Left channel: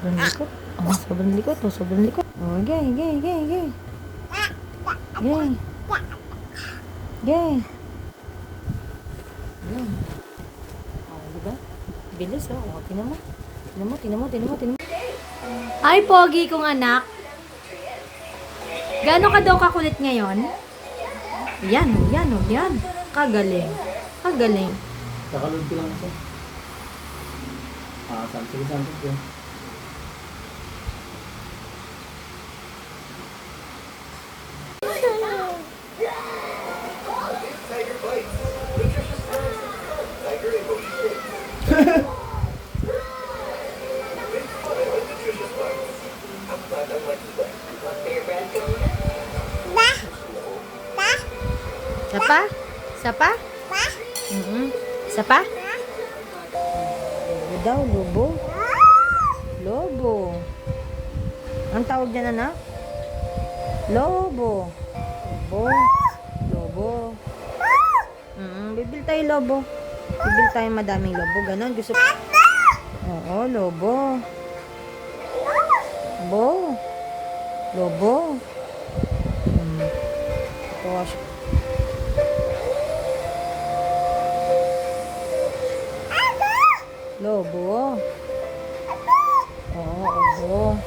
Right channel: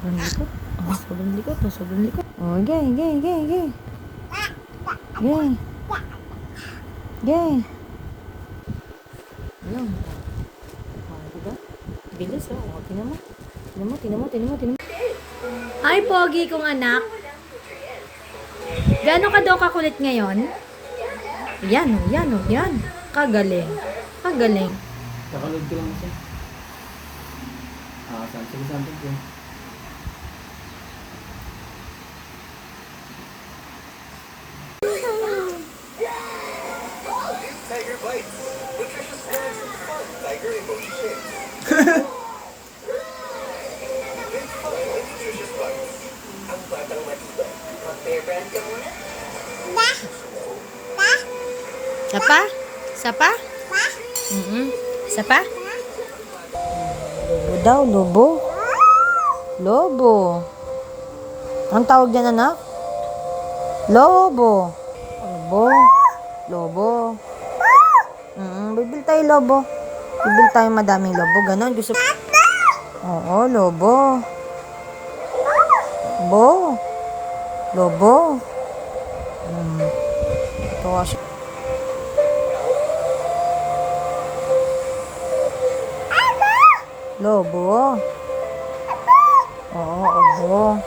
Sobrang likot. Oh, sobrang likot. Oh, sobrang likot. Oh, gay, gay, gay, gay. Gay. Gay. Alam. Oh, diba? Bilis, oh. Oh, tinan mo. Tinan mo, tinan mo, tinan mo, tinan mo. Ay, pogi kong anak. Gaano ka daw kakulit ngayon? Yan, oh, yan, oh, yan. Kagaling. Kagaling. Kakaload ko lang siya. Sige, something ko. Tiger Bites. Nutritious snacks. Tiger Emoji Shakes. Nutritious Bites. Ang batang matibay. Mag-bear brand ka muna. Sapa? Sapa? Sapa? Lobo daw, lobo. Lobo. Anong tawag dyan, anak? Lobo. Lobo. Lobo. Bibil tayo lobo. Bibil tayo madaming lobo. Ganon. Gusto. Oo, lobo. Lobo. Lobo. Tawas. Lobo. Oo, obo.